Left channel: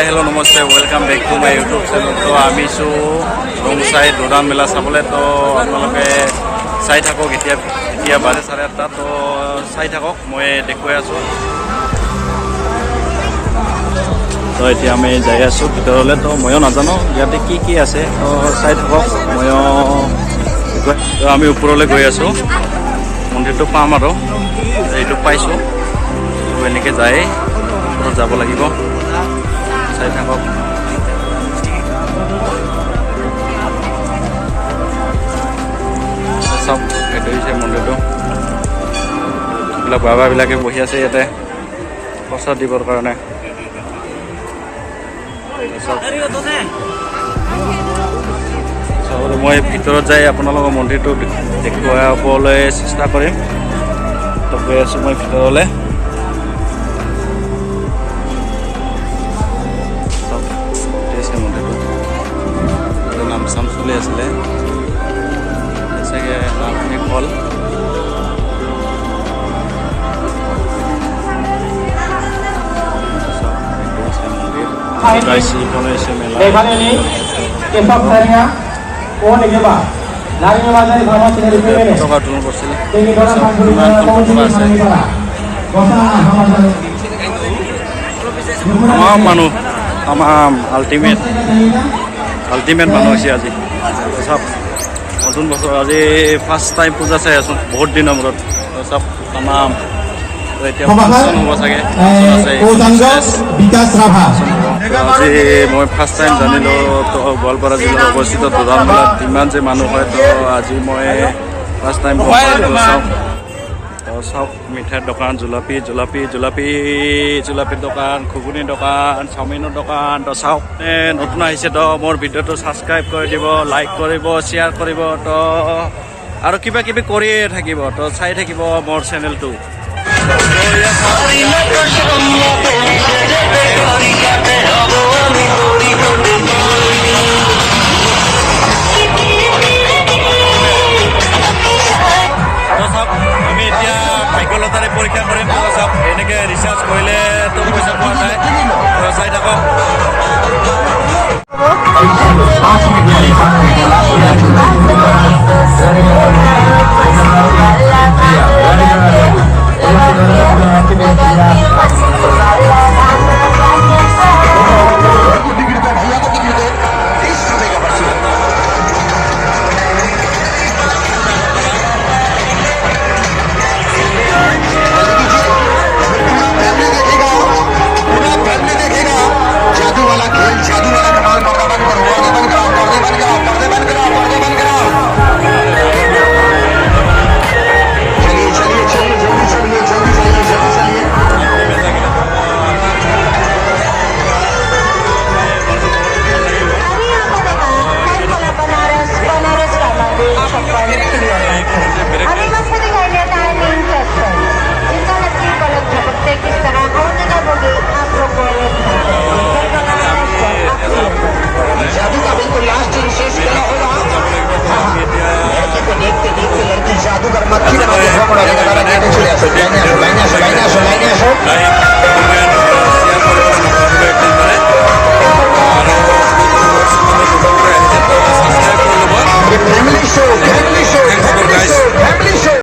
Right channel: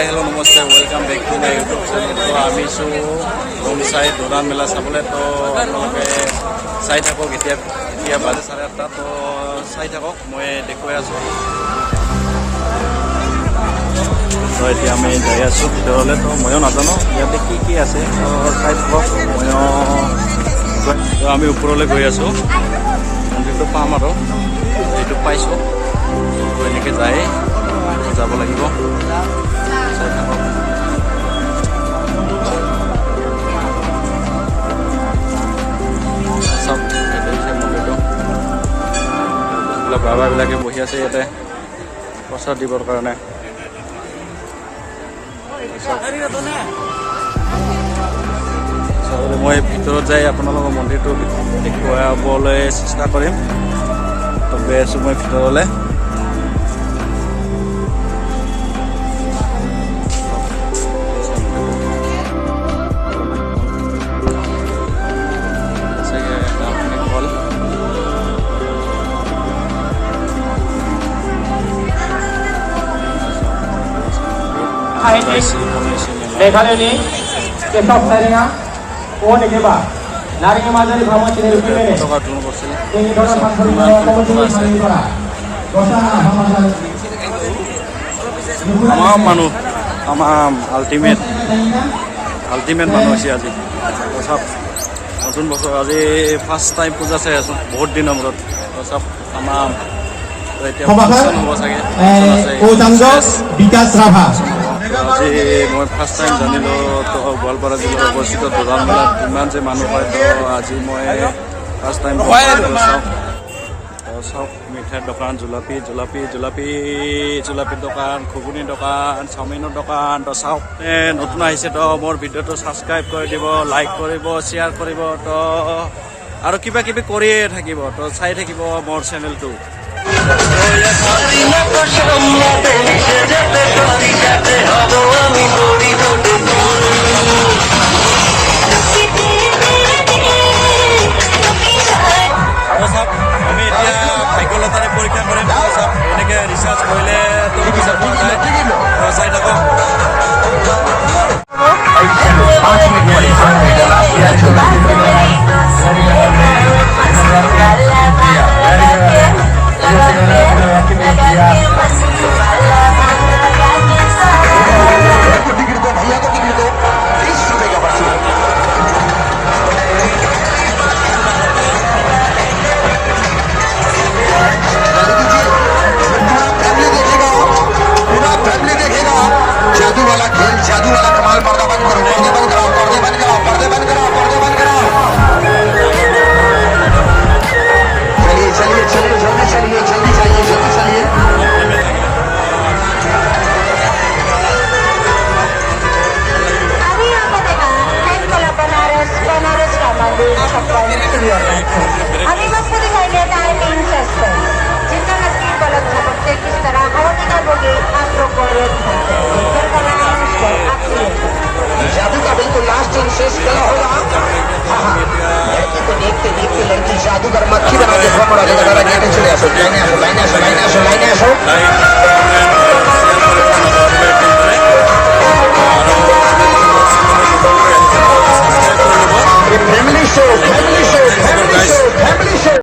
High hello' namaste welcome back to my YouTube channel. তো আমি ৰংচাই দৌৰাণ মেলা চাবলৈ। তো আপোনালোকে চাই থাকক। এতিয়া বাজে 8:30। তো চাই থাকক, মই দেখুৱাই আছোঁ। তো এতিয়া আমি যাই আছোঁ ভিতৰলৈ। তো ময়ো নাজানো ইয়াতে কি আছে। তো চাই থাকক, ময়ো দেখুৱাই। তো আমি ওপৰলৈ গৈ আছোঁ, মন্দিৰটো পাম আৰু এইটো পাইছোঁ। তো এনেকৈ যায় ওপৰত যাব লাগিব। চাই থাকক। চাওক, এইটো হৈছে মন্দিৰটো। এইবিলাক বাবাবিলাকে বহি আছে ইয়াতে প্ৰসাদ দিবৰ কাৰণে। মই ভিতৰত যাই আপোনালোকৰ মন্দিৰটো দেখুৱাবলৈ চেষ্টা কৰিম। তো গৈ আছোঁ মই ভিতৰলৈ। মন্দিৰটো নাম চাম চলি আছিলে চাগে, নাম শেষ হ'ল। পতাকা উত্তোলন কৰিছিল। তামাম মানুহ, তামাম আল্টিমেট মানুহ হৈছে আজি। চব নতুন বছৰ আজি ফাৰ্ষ্ট টাইম পূজা চাই আছোঁ বহুত দিনৰ মূৰত। চব তামাম এতিয়া ফাংচন হ'ব চাগে। আজি মই ফাৰ্ষ্ট টাইম জানিলোঁ। তো গোৱালপাৰা জিলাত অৱস্থিত দৌৰাণ মেলাত ইমান যে মানুহ হয়। তো আজি মই ফাৰ্ষ্ট টাইম চাওক, মিঠাইৰ দোকান, জুলাপিৰ দোকান, ঘুগুনিৰ দোকান, চাওমিনৰ দোকান। তো চাওক, নতুন আহিছে তো মোৰ ভিডিঅ'টো ছাবস্ক্ৰাইব কৰি দিব, লাইক কৰিব, শ্বেয়াৰ কৰিব। তো আৰু কিবা কিবি কৰিয়ে থাকিব। তো চাই থাকিব মোৰ চেনেলটো। আমি এতিয়া ভাগ্যলতাৰে পৰীক্ষা কৰিম। চাওক, এনেকৈ ৰিচাৰ্জ কৰিলে তো পইচা পোৱা যায়। চাই থাকক।